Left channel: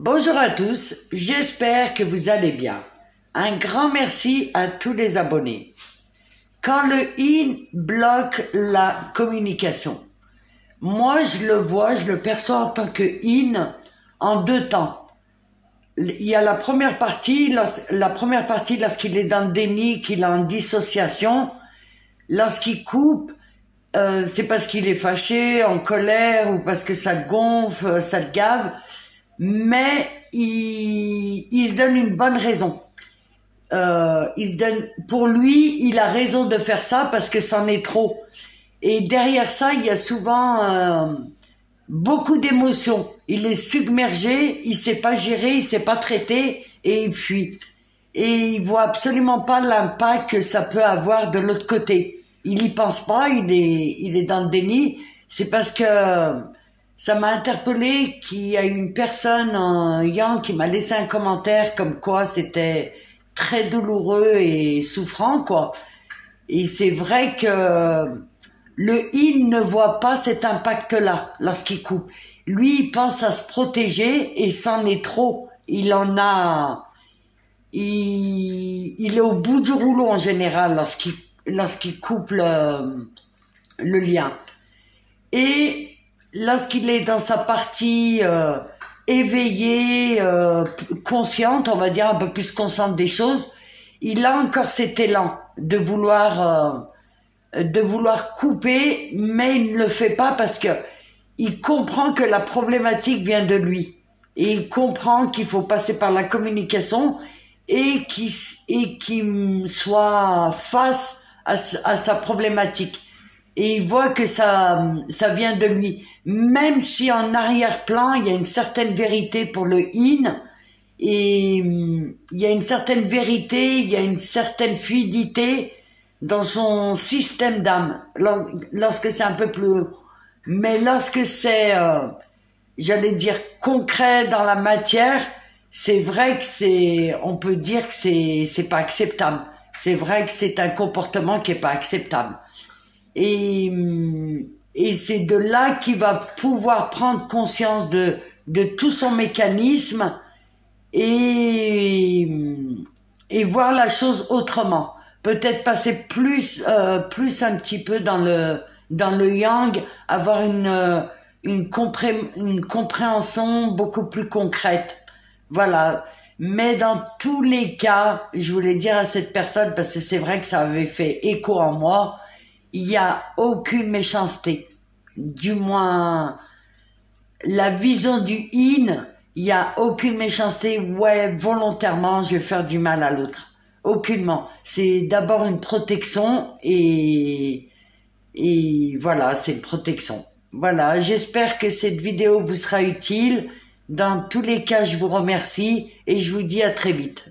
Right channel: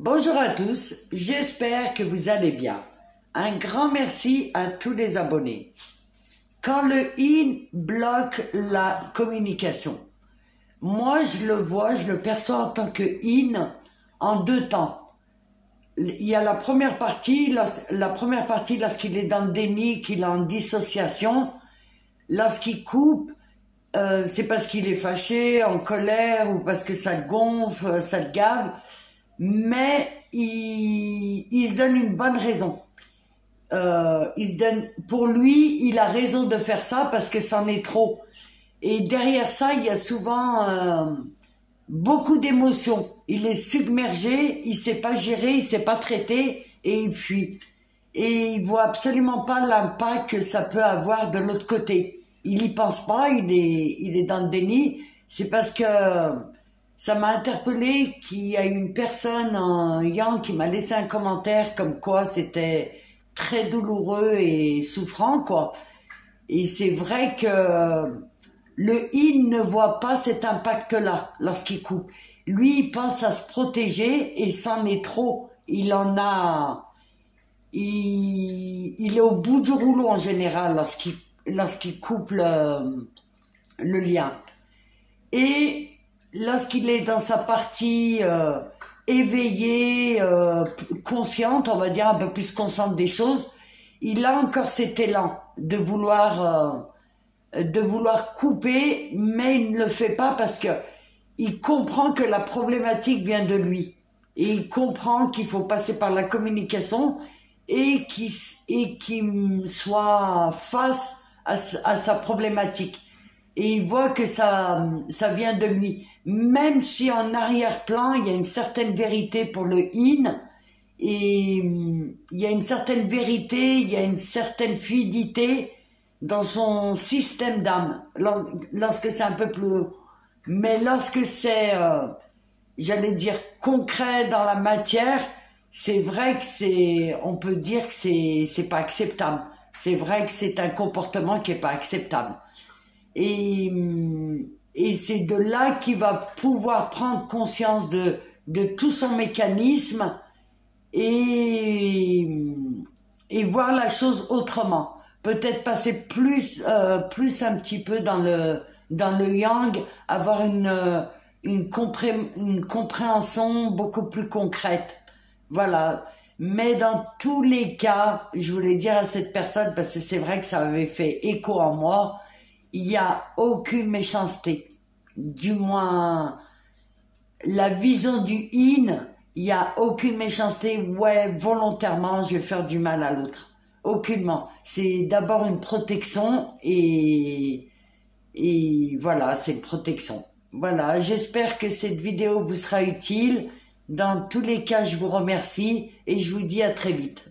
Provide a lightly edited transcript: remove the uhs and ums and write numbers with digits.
Bonjour à tous, j'espère que vous allez bien. Un grand merci à tous les abonnés. Quand le in bloque la communication, moi je le vois, je le perçois en tant que in en deux temps. Il y a la première partie lorsqu'il est dans le déni, qu'il est en dissociation. Lorsqu'il coupe, c'est parce qu'il est fâché, en colère ou parce que ça le gonfle, ça le gave. Mais il se donne une bonne raison. Pour lui, il a raison de faire ça parce que c'en est trop. Et derrière ça, il y a souvent beaucoup d'émotions. Il est submergé, il sait pas gérer, il sait pas traiter et il fuit. Et il voit absolument pas l'impact que ça peut avoir de l'autre côté. Il y pense pas, il est dans le déni. C'est parce que ça m'a interpellé qu'il y a une personne en Yang qui m'a laissé un commentaire comme quoi c'était très douloureux et souffrant, quoi. Et c'est vrai que le il ne voit pas cet impact-là lorsqu'il coupe. Lui, il pense à se protéger et c'en est trop. Il est au bout du rouleau en général lorsqu'il coupe le lien. Et lorsqu'il est dans sa partie éveillée, consciente, on va dire un peu plus consciente des choses, il a encore cet élan de vouloir couper, mais il ne le fait pas parce que il comprend que la problématique vient de lui. Et il comprend qu'il faut passer par la communication et qu'il soit face à sa problématique. Et il voit que ça vient de lui. Même si en arrière-plan, il y a une certaine vérité pour le in, et il y a une certaine vérité, il y a une certaine fluidité dans son système d'âme, lorsque c'est un peu plus... Mais lorsque c'est, j'allais dire, concret dans la matière, c'est vrai que on peut dire que c'est pas acceptable. C'est vrai que c'est un comportement qui est pas acceptable. Et c'est de là qu'il va pouvoir prendre conscience de tout son mécanisme et voir la chose autrement. Peut-être passer plus un petit peu dans le yang, avoir une compréhension beaucoup plus concrète. Voilà. Mais dans tous les cas, je voulais dire à cette personne, parce que c'est vrai que ça avait fait écho en moi, il n'y a aucune méchanceté. Du moins, la vision du in, il n'y a aucune méchanceté. Ouais, volontairement, je vais faire du mal à l'autre. Aucunement. C'est d'abord une protection et voilà, c'est une protection. Voilà, j'espère que cette vidéo vous sera utile. Dans tous les cas, je vous remercie et je vous dis à très vite.